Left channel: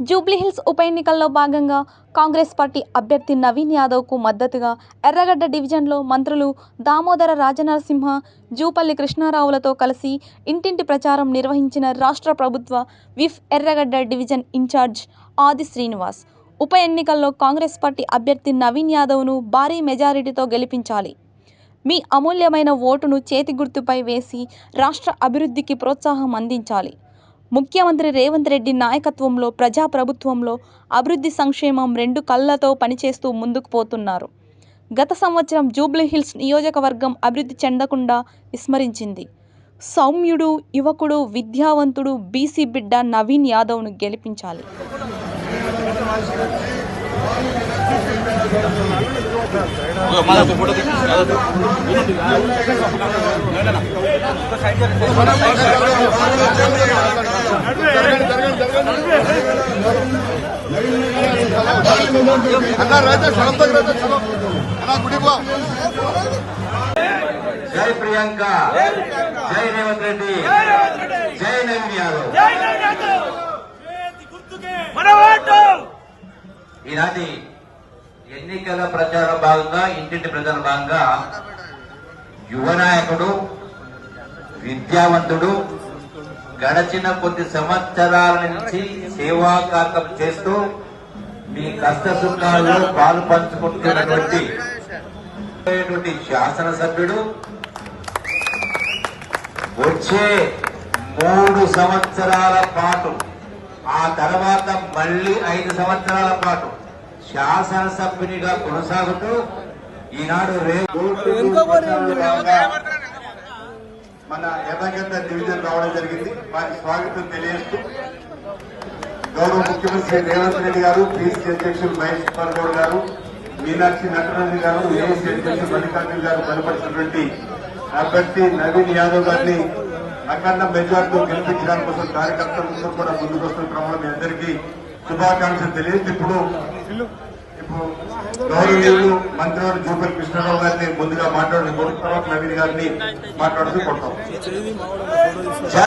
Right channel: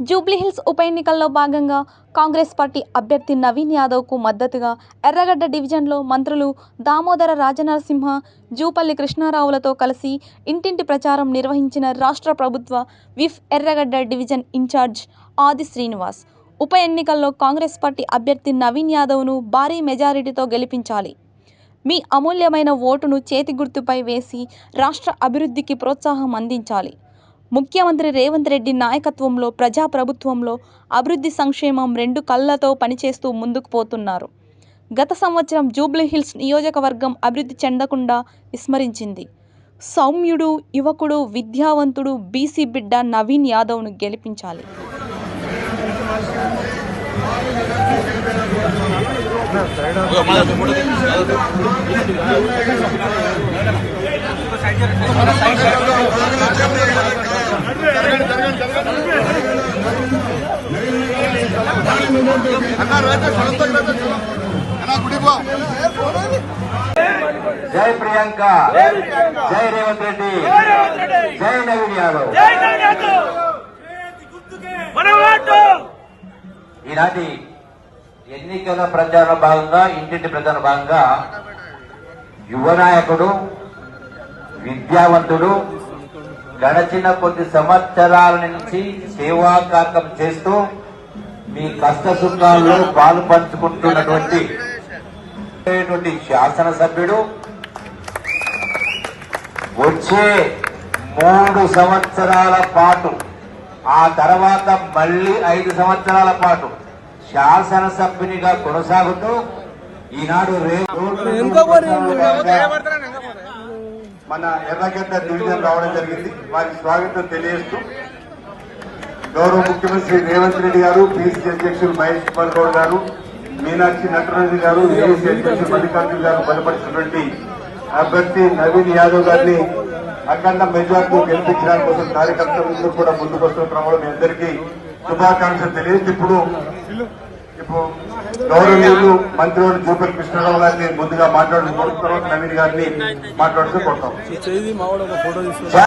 జూబ్లీహిల్స్ ఉప ఎన్నికల్లో భాగంగా కాంగ్రెస్ పార్టీ అభ్యర్థి నవీన్ యాదవ్కు మద్దతుగా ఎర్రగడ్డ డివిజన్లో మంత్రులు దామోదర రాజనరసింహ జూపల్లి కృష్ణారావులతో కలిసి ఇంటింటి ప్రచారం నిర్వహించిన రాష్ట్ర ప్రభుత్వ విఫ్ ఎర్రగడ్డ డివిజన్ ఇన్ఛార్జ్ ఆది శ్రీనివాస్. ఉప ఎన్నికల్లో కాంగ్రెస్ పార్టీ అభ్యర్థి నవీన్ యాదవ్ను భారీ మెజారిటీతో గెలిపించాలి. మీ అమూల్యమైన ఓటును చేతి గుర్తుపై వేసి రాష్ట్ర అభివృద్ధికి ప్రోత్సాహం అందించాలి. ముఖ్యమంత్రి రేవంత్ రెడ్డి నాయకత్వంలో ప్రజాప్రభుత్వంలో అభివృద్ధి సంక్షేమం రెండు కళ్ళతో పనిచేస్తూ ముందుకు పోతున్నారు. గత సంవత్సరం జూబ్లీహిల్స్ నియోజకవర్గం అభివృద్ధి చెందకుండా విస్మరించింది. సౌమ్యుడు యువకుడు విద్యావంతుడు బీసీ బిడ్డ నవీన్ యాదవ్ను గెలిపించాలి. జై ప్రియాంక జై రేవంత్ రెడ్డి జై నవీన్ యాదవ్ ఈనాటి ఎన్నికల ప్రచారం భాగంగా ఇంటింటి ప్రచారం భాగంగా యువ నాయకుడు విద్యావంతుడు గడచిన కొద్ది సంవత్సరాల నుంచి సేవాకాకం చేస్తూ మీ కష్ట సుఖాల్లో పాలు పంచుకుంటున్నటువంటి శాసనసభ్యుడు వచ్చే మూడు సంవత్సరాల పాటు ఆ తర్వాత మళ్ళీ ఐదు సంవత్సరాల పాటు శాసనసభ్యునిగా కొనసాగుతూ ఈనాడు రేపు మన ఎర్రగడ్డ డివిజన్ రావడం జరిగింది. వారికి స్వాగతం తెలియజేస్తూ గౌరవ ముఖ్యమంత్రి రేవంత్ రెడ్డి గారు పిసిసి అధ్యక్షులు మహేష్ కుమార్ గౌడ్ గారు మీనాక్షి నటరాజు గారు ఏసీ అధ్యక్షులు మల్లికార్జున గారు బలపరిచినటువంటి అభ్యర్థి నవీన్ యాదవ్ గారిని అఖండ మెజార్టీ గెలిపించడానికి కోసం కార్యకర్తలందరూ కూడా ముందుకు వస్తున్న క్రమంలో మీ అందరికీ శుభాకాంక్షలు తెలియదు ఇప్పుడు గౌరవీయులు మంత్రివారు మంత్రివారి భూపతి కృష్ణరావు గారిని ముందుగా మాట్లాడుతూ నవీన్ గారిని మాట్లాడుతూ కొడతాం.